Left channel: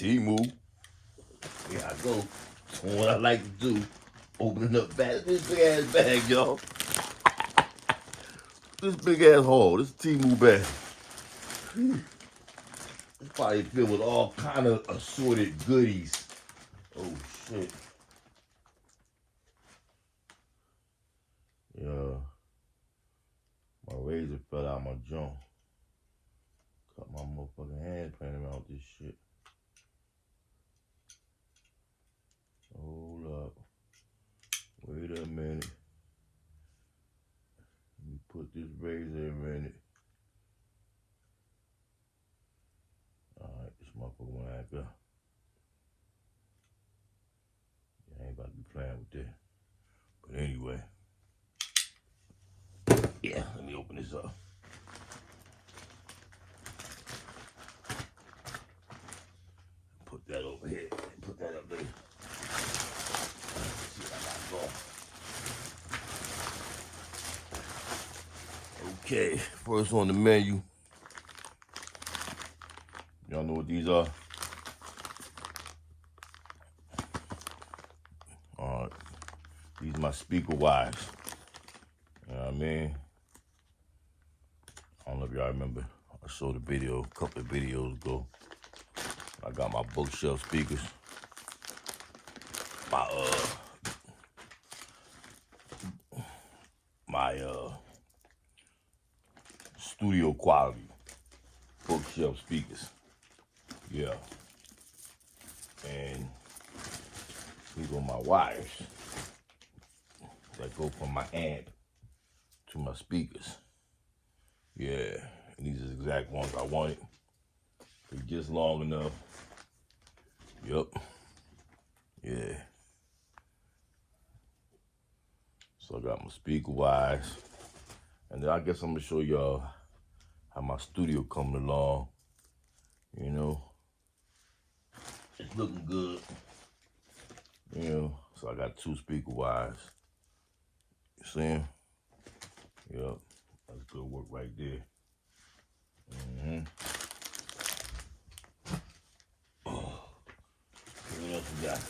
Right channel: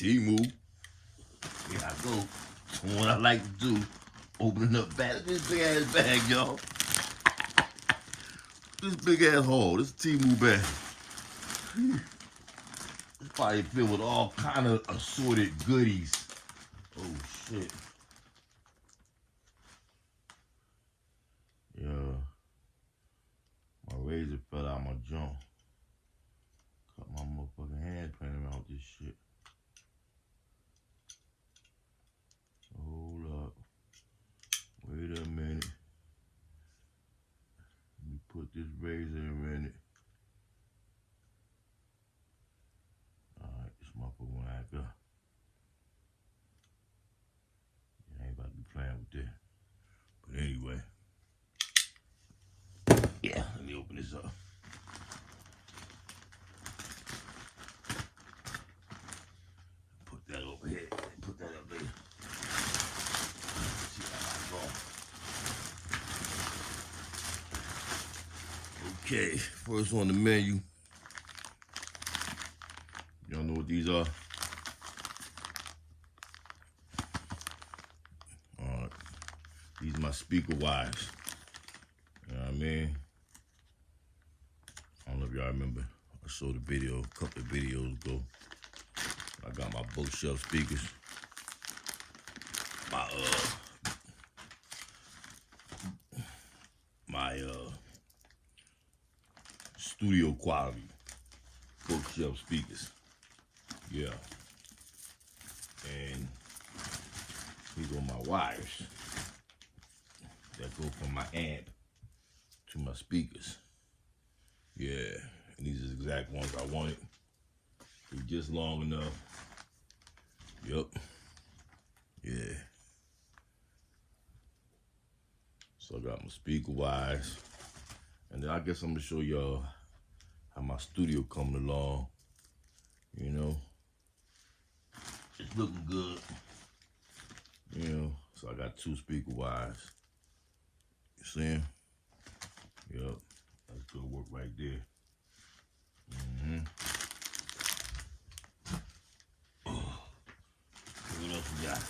Temu. Here I go. Doing what I like to do. Opening up bags. This big ass bag, y'all. This big ass haul. This Temu bag. It's probably filled with all kind of assorted goodies. Oh shit. Yeah. My razor fell out my jaw. Cut my motherfucking hand playing around with this shit. Hold up. Wait a minute. Let me put this razor in a minute. Alright, this motherfucker went act up. Yeah, I ain't about to be playing with that. But anyway. Yeah, let me open this up. Put that over here. Put that up there. See how I go. Okay, first on the menu. Y'all know what these are? Alright. These are my speaker wires. You know what I mean? I don't know if y'all remember. I showed a video a couple of videos ago. I got my bookshelf speakers. My studio quality bookshelf speakers. Yeah. And these are my wires that go from my amp to my speakers. Yeah, and these are the exact ones I wanted. They're just long enough. Yup. Yeah. So I got my speaker wires. And then I guess I'm gonna show y'all how my studio coming along. You know. It's looking good. You know, so I got 2 speaker wires. You see them? Yup. That's good work right there. Oh, what else we got?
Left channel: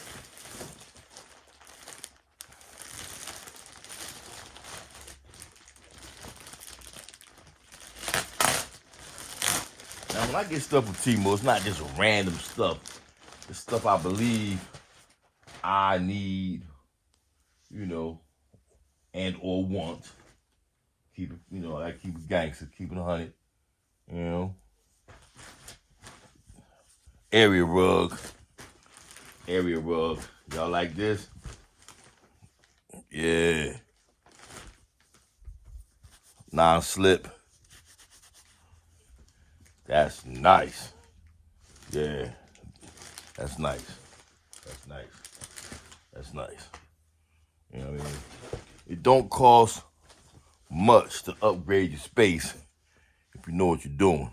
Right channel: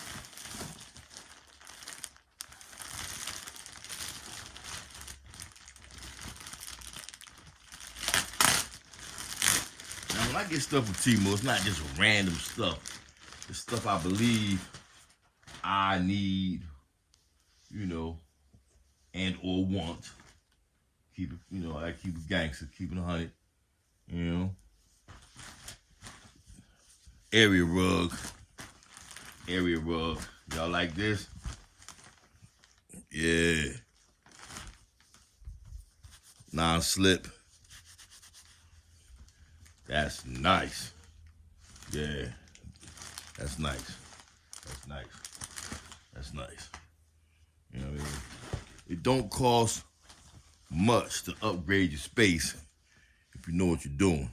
Now, when I get stuff with Temu, it's not just random stuff. It's stuff I believe I need, you know, and or want. Keep it, you know, I keep it gangster, keep it 100, you know. Area rug. Y'all like this? Yeah. Non-slip. That's nice. Yeah. That's nice. That's nice. That's nice. You know what I mean? It don't cost much to upgrade your space if you know what you're doing.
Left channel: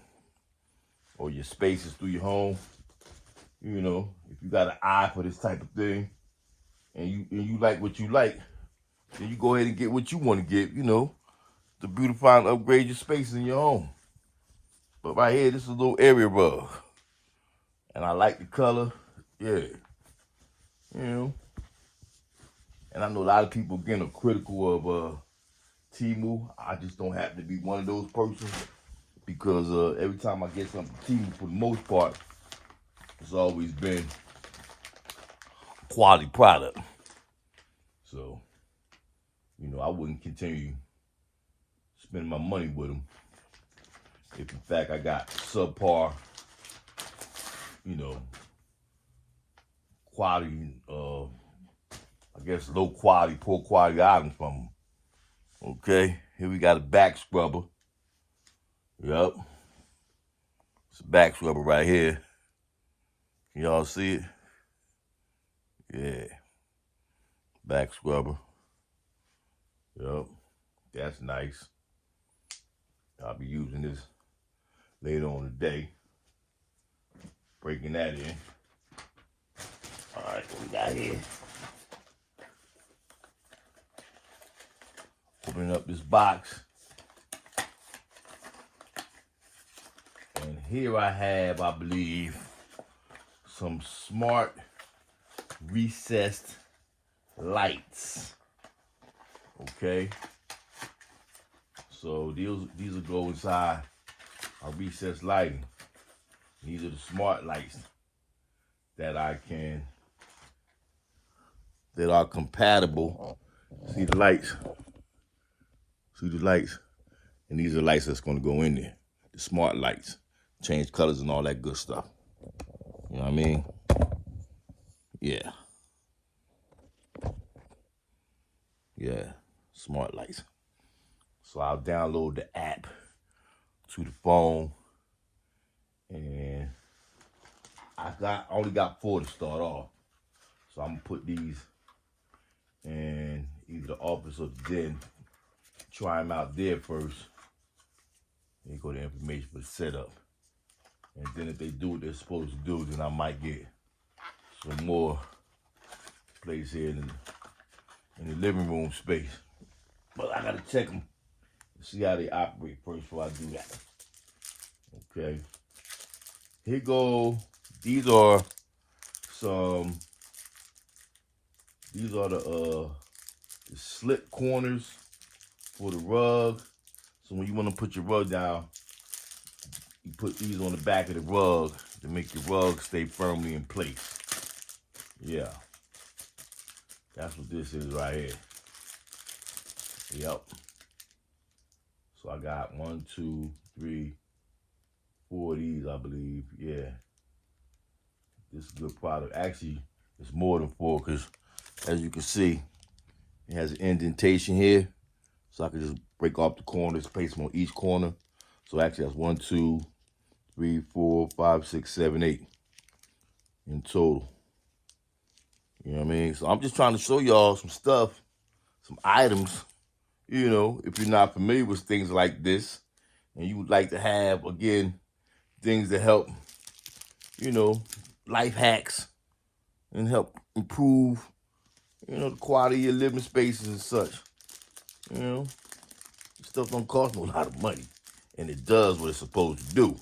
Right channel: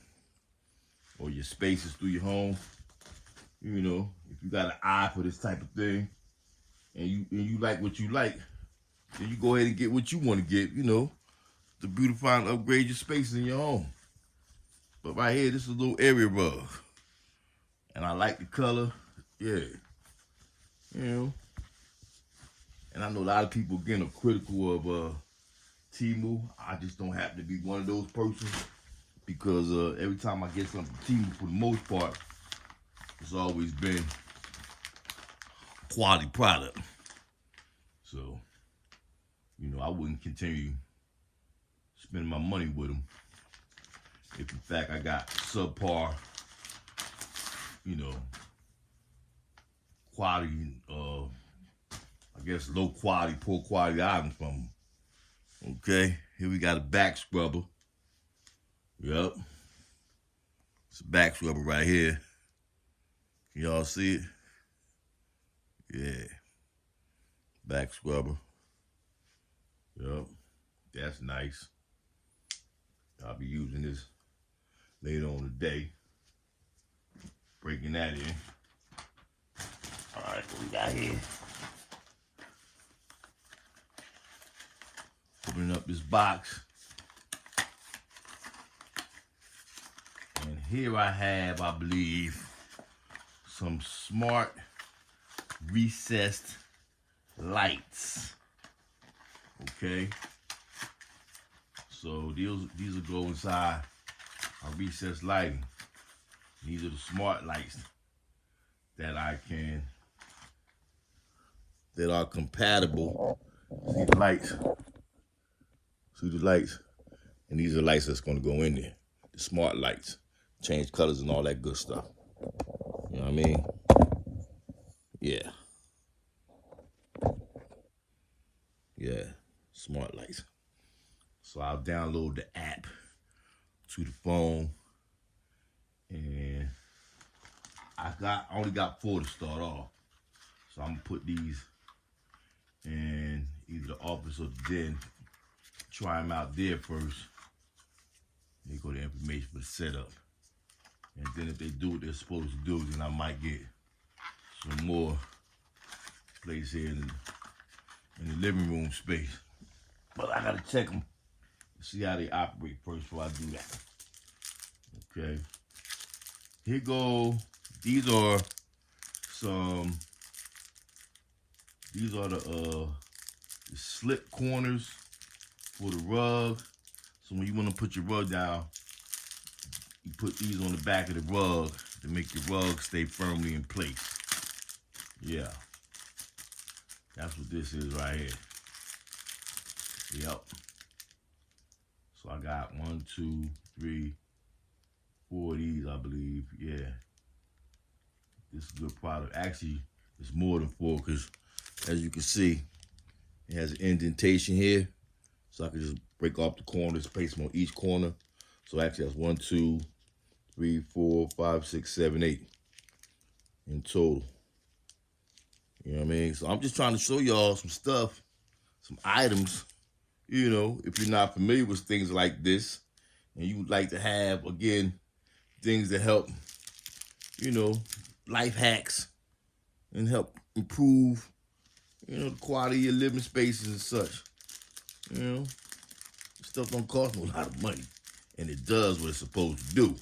Or your spaces through your home. You know, if you got an eye for this type of thing and you like what you like, then you go ahead and get what you want to get, you know, to beautify and upgrade your space in your home. But right here, this is a little area rug. And I like the color. Yeah. You know. And I know a lot of people, again, are critical of Temu. I just don't happen to be one of those persons because every time I get something from Temu, for the most part, it's always been quality product. So, you know, I wouldn't continue spending my money with them if, in fact, I got subpar, you know, quality, I guess low quality, poor quality items from them. Okay, here we got a back scrubber. Yep. It's a back scrubber right here. Y'all see it? Yeah. Back scrubber. Yep. That's nice. I'll be using this later on today. Breaking that in. All right, what we got here? Opening up this box. And here I have, I believe, some smart recessed lights. Okay. So these will go inside our recessed lighting. These are the smart lights that are compatible. See the lights? See the lights? And these are lights that's gonna go in there. The smart lights. Change colors and all that good stuff. You know what I mean? Yeah. Yeah, smart lights. So I'll download the app to the phone, and I only got 4 to start off. So I'm gonna put these in either the office or the den. Try them out there first. Then you go to information for the setup. And then if they do what they're supposed to do, then I might get some more place here in the living room space. But I gotta check them and see how they operate first before I do that. Okay. Here go. These are the slip corners for the rug. So when you want to put your rug down, you put these on the back of the rug to make your rug stay firmly in place. Yeah. That's what this is right here. Yep. So I got 1, 2, 3, 4 of these, I believe. Yeah. This is a good product. Actually, it's more than 4 because, as you can see, it has an indentation here. So I can just break off the corners, place them on each corner. So actually, that's 1, 2, 3, 4, 5, 6, 7, 8 in total. You know what I mean? So I'm just trying to show y'all some stuff, some items, you know, if you're not familiar with things like this and you would like to have, again, things that help, you know, life hacks and help improve, you know, the quality of your living spaces and such. You know, stuff don't cost no lot of money, and it does what it's supposed to do.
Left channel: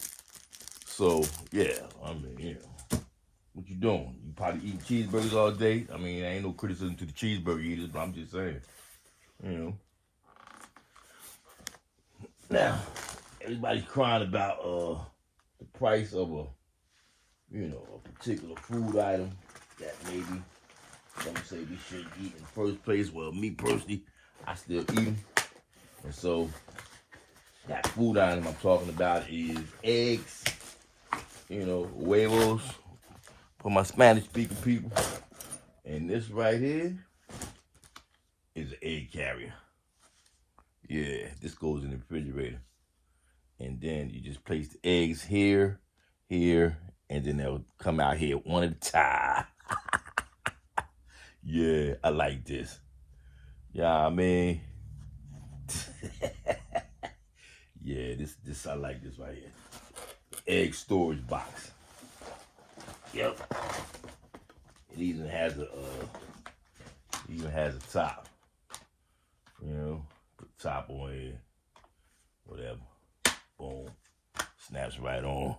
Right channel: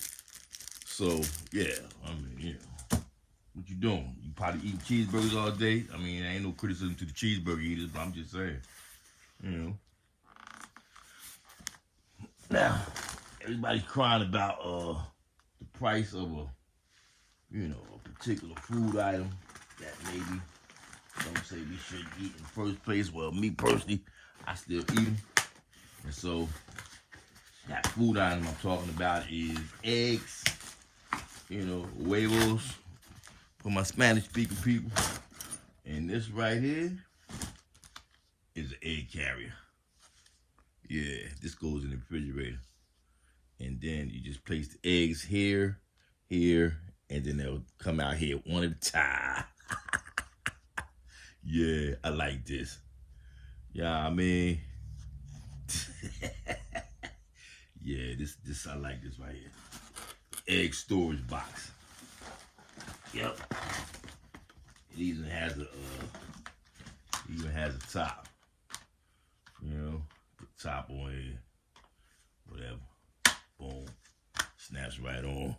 So, yeah, I mean, you know, what you doing? You probably eating cheeseburgers all day. I mean, ain't no criticism to the cheeseburger eaters, but I'm just saying, you know. Now, everybody's crying about the price of a particular food item that maybe some say we shouldn't eat in the first place. Well, me personally, I still eat them. And so, that food item I'm talking about is eggs, you know, huevos, for my Spanish-speaking people. And this right here is an egg carrier. Yeah, this goes in the refrigerator. And then you just place the eggs here, here, and then they'll come out here one at a time. Yeah, I like this. Yeah, I mean, yeah, this I like this right here. Egg storage box. Yep. It even has a top. You know, put the top on here, whatever. Boom, snaps right on.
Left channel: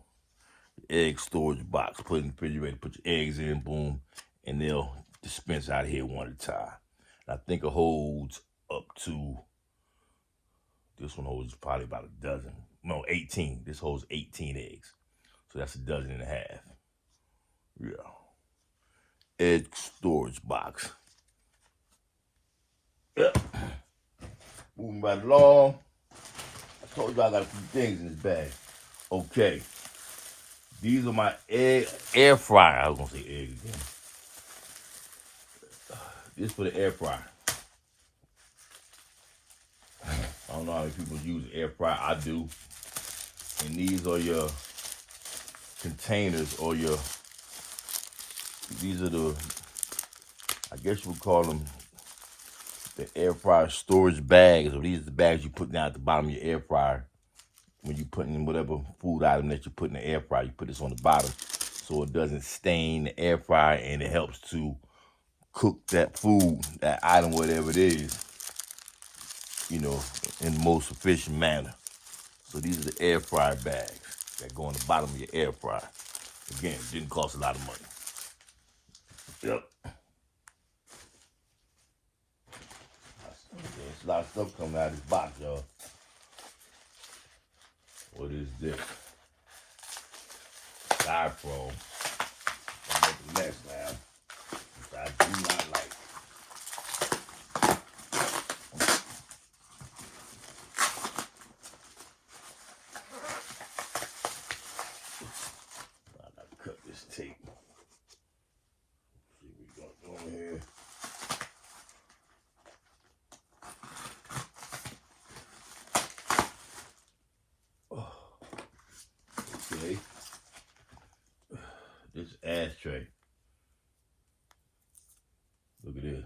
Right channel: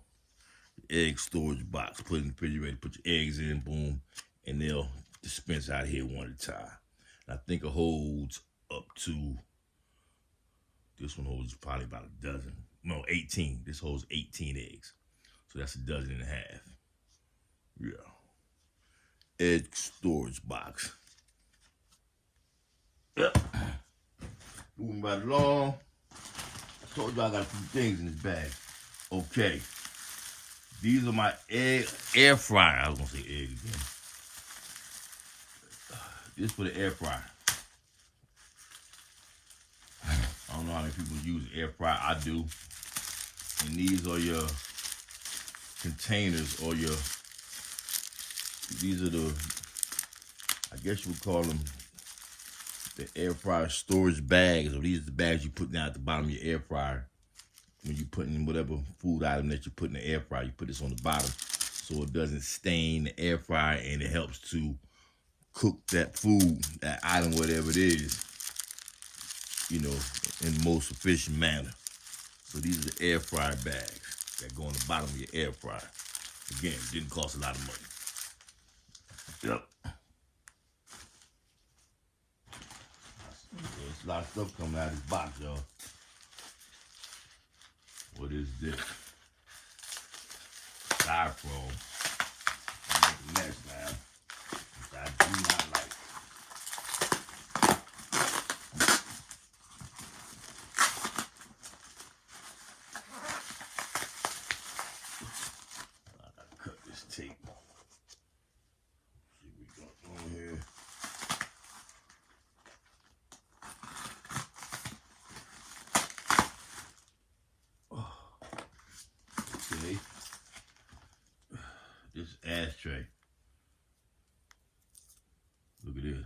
Egg storage box. Put it in the refrigerator. Put your eggs in. Boom, and they'll dispense out here one at a time. I think it holds up to, this one holds probably about a dozen. No, 18. This holds 18 eggs. So that's a dozen and a half. Yeah. Egg storage box. Yep. Moving right along. I told you I got a few things in this bag. Okay. These are my air fryer. I was going to say egg again. This for the air fryer. I don't know how many people use an air fryer. I do. And these are your containers, or these are the, I guess you would call them the air fryer storage bags. Or these are the bags you put down at the bottom of your air fryer. When you put in whatever food item that you put in the air fryer, you put this on the bottom so it doesn't stain the air fryer, and it helps to cook that food, that item, whatever it is, you know, in the most efficient manner. So these are the air fryer bags that go on the bottom of your air fryer. Again, it didn't cost a lot of money. Yep. There's a lot of stuff coming out of this box, y'all. What is this? Styrofoam. I make a mess now, which I do not like. I gotta cut this tape. See what we got on here. Okay. This ashtray. Look at this.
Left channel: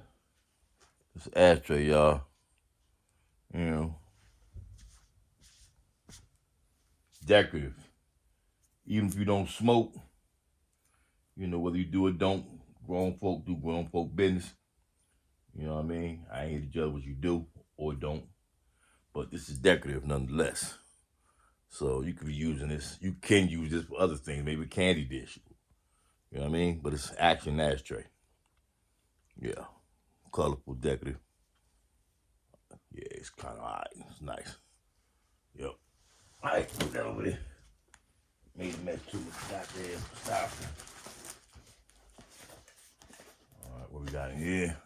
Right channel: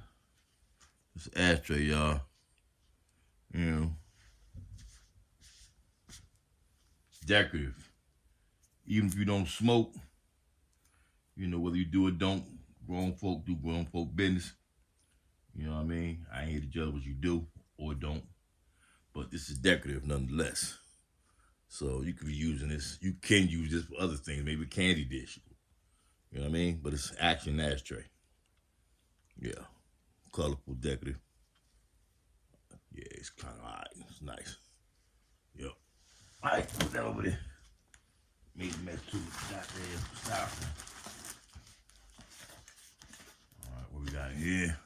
This ashtray, y'all. You know. Decorative. Even if you don't smoke, you know, whether you do or don't, grown folk do grown folk business. You know what I mean? I ain't here to judge what you do or don't. But this is decorative nonetheless. So you could be using this. You can use this for other things, maybe candy dish. You know what I mean? But it's actually an ashtray. Yeah. Colorful, decorative. Yeah, it's kind of alright. It's nice. Yep. Alright, put that over there. Made a mess too with the goddamn styrofoam. Alright, what we got in here?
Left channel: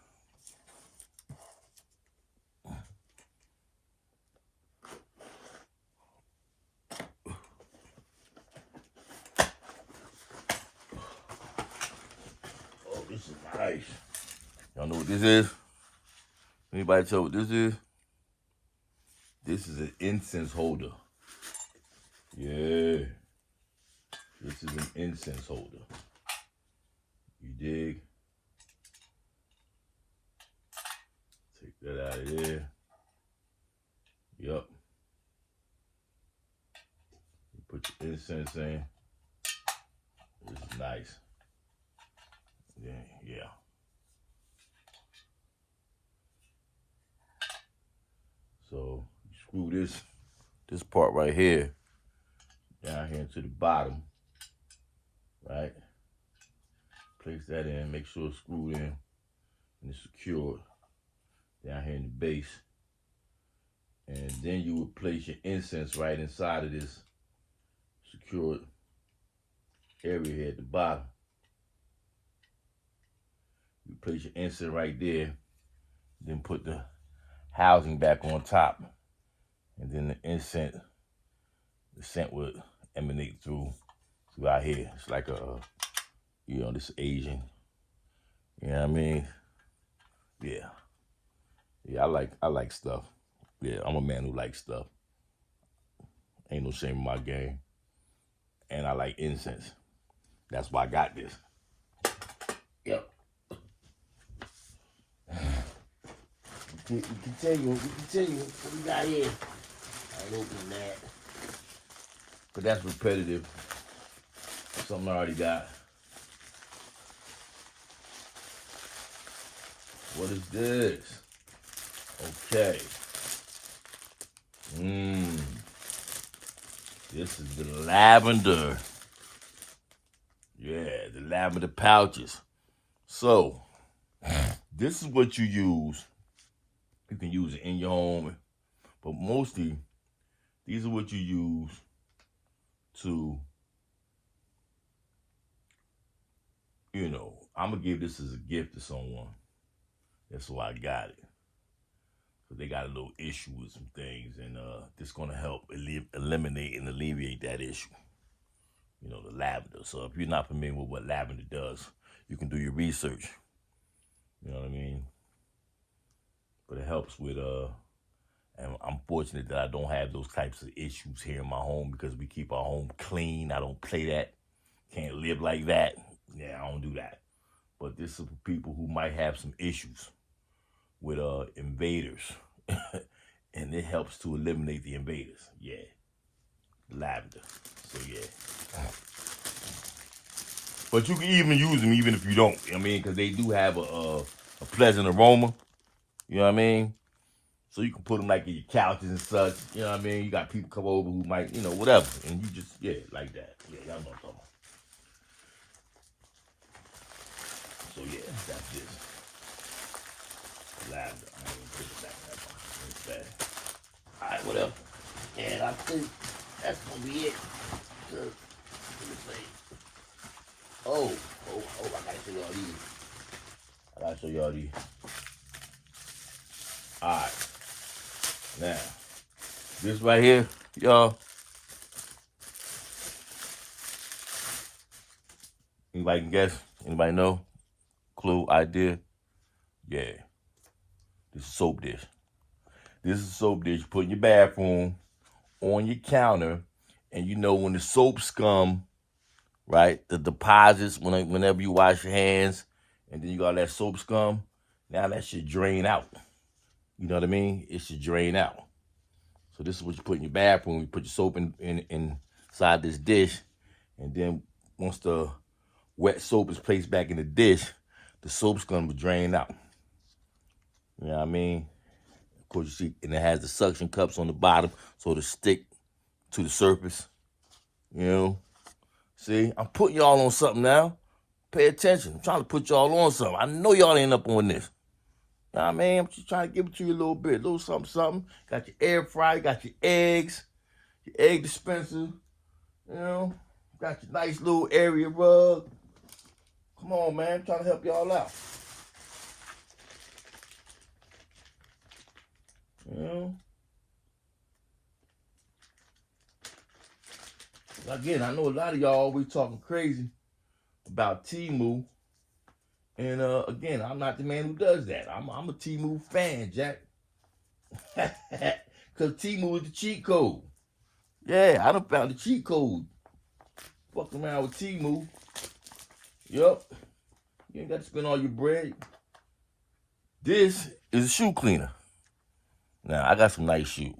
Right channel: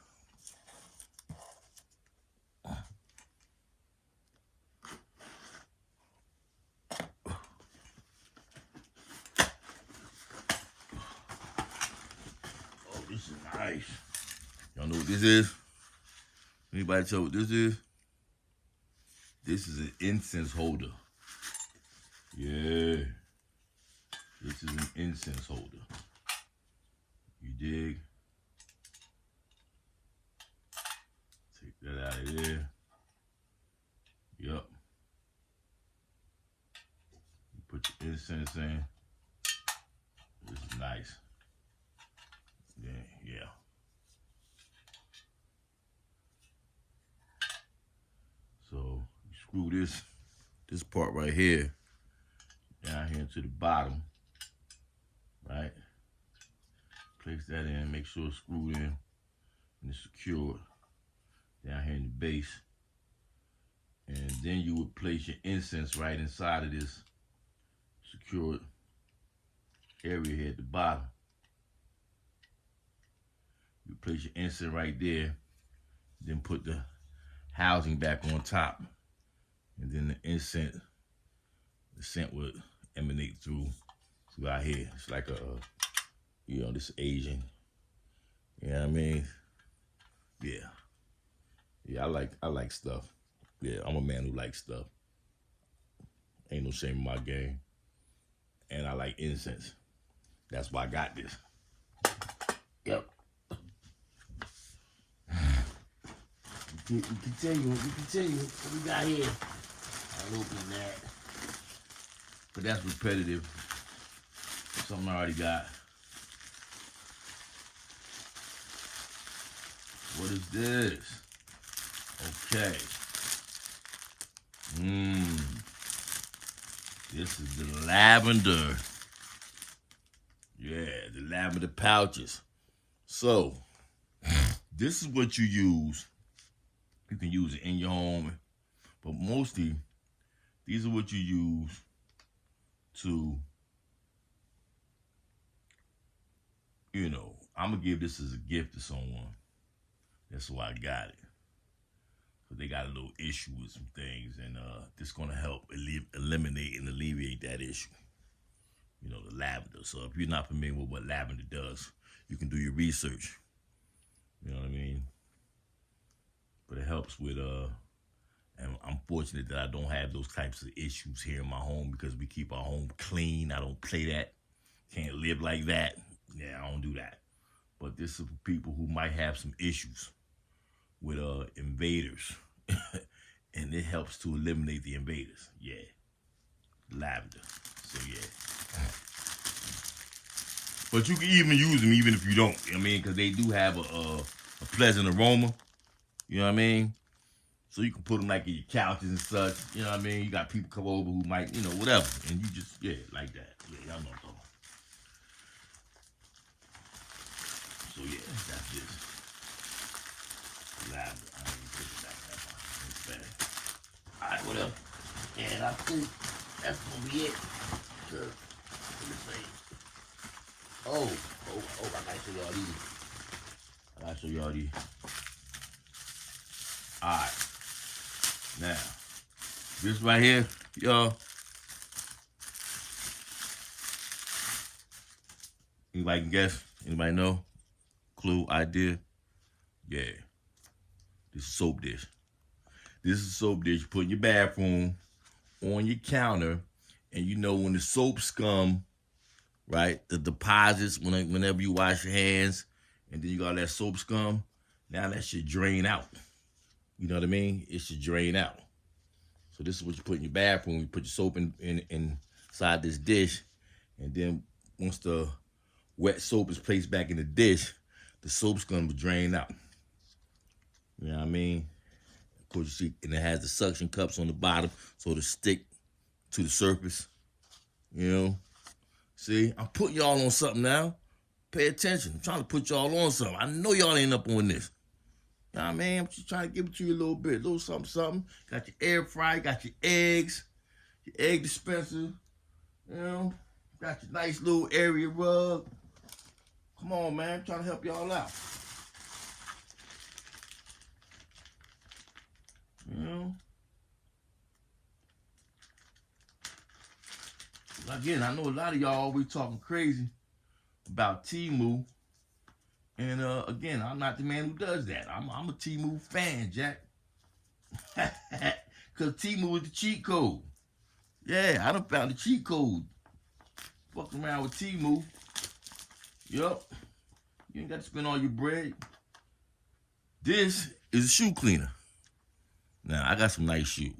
This is nice. Y'all know what this is? Anybody tell what this is? This is an incense holder. Yeah. This is an incense holder. You dig? Take that out of there. Yup. You put your incense in. This is nice. Yeah. So you screw this part right here down here into the bottom, right? Place that in, make sure it's screwed in and it's secured down here in the base. And then you would place your incense right inside of this secured area here at the bottom. You place your incense right there, then put the housing back on top, and then the scent would emanate throughout here. It's like a, you know, this Asian, you know what I mean? Yeah, I like stuff. Yeah, I'm a man who likes stuff. Ain't no shame in my game. And I like incense. That's why I got this. Yep. We continue. What we got here? I'll open that. But that's repetitive. Something I already got. What is this? Okay. This is the lavender. Yeah, the lavender pouches. So, this is what you use. You can use it in your home, but mostly, these are what you use to, you know, I'm going to give this as a gift to someone. That's why I got it. So they got a little issue with some things, and this is going to help eliminate and alleviate that issue. You know, the lavender. So if you're not familiar with what lavender does, you can do your research. You know what I mean? But it helps with, and I'm fortunate that I don't have those types of issues here in my home because we keep our home clean. I don't play that. Can't live like that. Yeah, I don't do that. But this is for people who might have some issues with invaders. And it helps to eliminate the invaders. Yeah. Lavender. So, yeah. But you can even use them even if you don't. I mean, because they do have a pleasant aroma. You know what I mean? So you can put them like in your couches and such. You know what I mean? You got people come over who might, you know, whatever. And you just, yeah, like that. Yeah, y'all know what I'm talking about. So, yeah. this? Lavender. I ain't put it back in that box. It's bad. All right, whatever. And I think that's gonna be it. Let me see. Oh, I gotta show y'all these. All right. Now, this right here, y'all. Anybody can guess? Anybody know? Clue, idea? Yeah. This is a soap dish. This is a soap dish you put in your bathroom on your counter, and you know when the soap scum, right, the deposits, whenever you wash your hands, and then you got that soap scum, now that should drain out. You know what I mean? It should drain out. So this is what you put in your bathroom. You put your soap inside this dish, and then once the wet soap is placed back in the dish, the soap scum will drain out. You know what I mean? Of course, you see, and it has the suction cups on the bottom, so it'll stick to the surface. You know? See, I'm putting y'all on something now. Pay attention. I'm trying to put y'all on something. I know y'all ain't up on this. You know what I mean? I'm just trying to give it to you a little bit. A little something, something. Got your air fryer, got your eggs, your egg dispenser. You know? Got your nice little area rug. Come on, man. I'm trying to help y'all out. You know? Again, I know a lot of y'all always talking crazy about Temu. And again, I'm not the man who does that. I'm a Temu fan, Jack. Because Temu is the cheat code. Yeah, I done found the cheat code. Fucking around with Temu. Yup. You ain't got to spend all your bread. This is a shoe cleaner. Now, I got some nice shoes.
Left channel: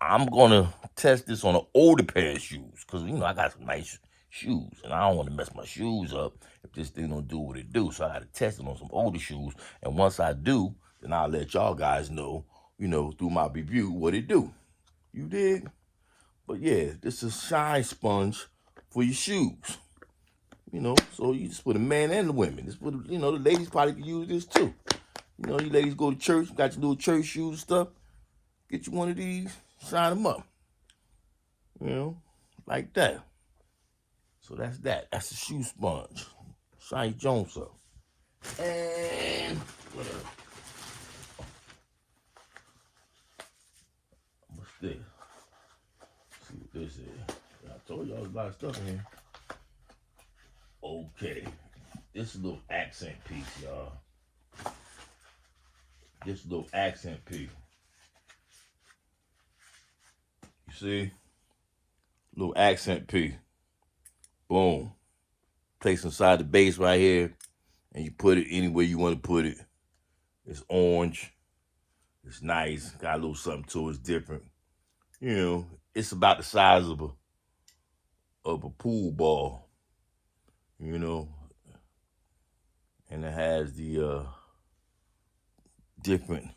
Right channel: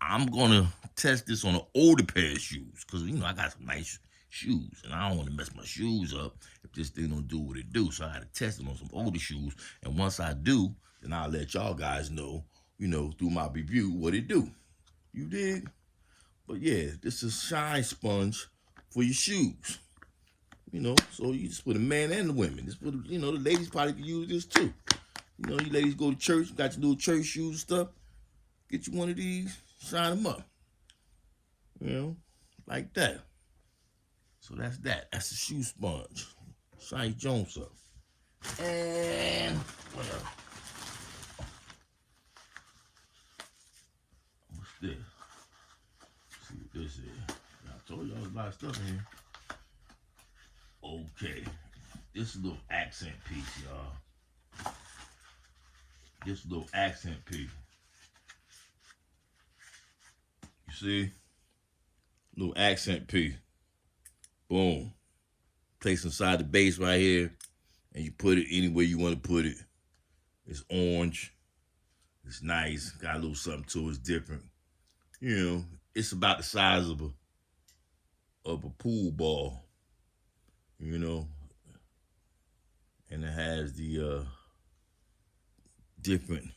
I'm going to test this on an older pair of shoes. Because, you know, I got some nice shoes. And I don't want to mess my shoes up if this thing don't do what it do. So I got to test it on some older shoes. And once I do, then I'll let y'all guys know, you know, through my review what it do. You dig? But yeah, this is shine sponge for your shoes. You know, so you just for the men and the women. This for the, you know, the ladies probably can use this too. You know, you ladies go to church, got your little church shoes and stuff. Get you one of these, shine them up. You know, like that. So that's that. That's the shoe sponge. Shine Jones up. And what else? What's this? Let's see what this is. I told y'all a lot of stuff in here. Okay. This is a little accent piece, y'all. This little accent piece. You see? Little accent piece. Boom. Place inside the base right here. And you put it anywhere you want to put it. It's orange. It's nice. Got a little something to it. It's different. You know, it's about the size of a pool ball. You know. And it has the different,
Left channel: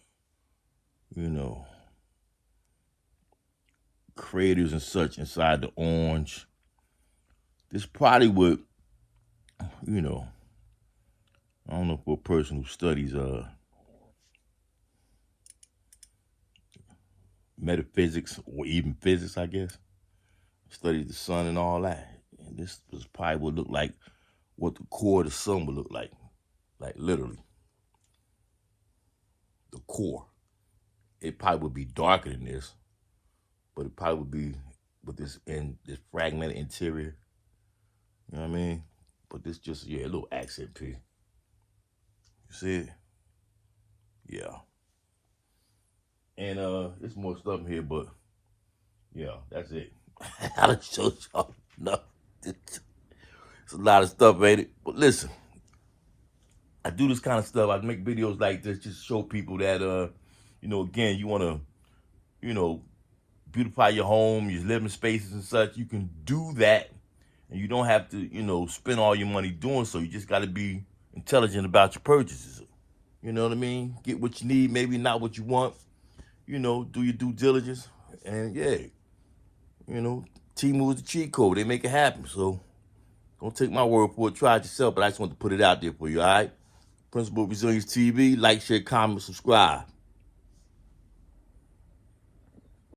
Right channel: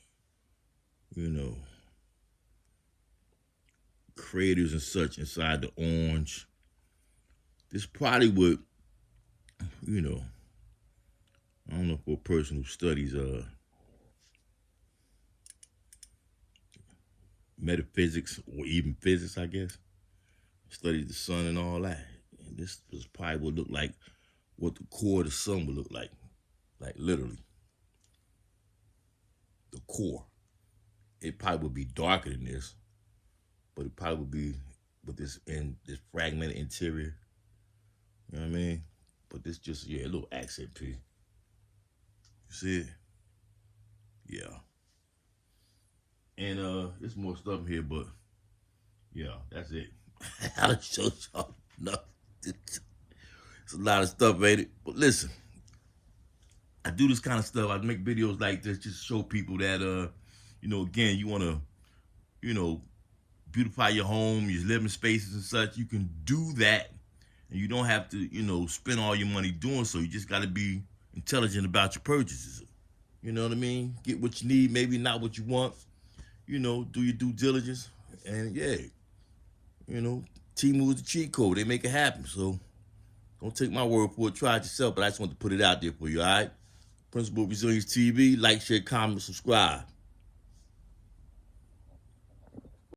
you know, craters and such inside the orange. This probably would, you know, I don't know, for a person who studies metaphysics or even physics, I guess, studies the sun and all that. And this was probably would look like what the core of the sun would look like literally. The core. It probably would be darker than this, but it probably would be with this fragmented interior. You know what I mean? But this just, yeah, a little accent piece. You see it? Yeah. And there's more stuff in here, but yeah, that's it. I done showed y'all enough. It's a lot of stuff, ain't it? But listen, I do this kind of stuff. I make videos like this just to show people that, you know, again, you want to, you know, beautify your home, your living spaces and such. You can do that, and you don't have to, you know, spend all your money doing so. You just got to be intelligent about your purchases. You know what I mean? Get what you need, maybe not what you want. You know, do your due diligence. And yeah, you know, Temu is the cheat code. They make it happen. So don't take my word for it. Try it yourself, but I just want to put it out there for you, all right? Principal Resilience TV. Like, share, comment, subscribe.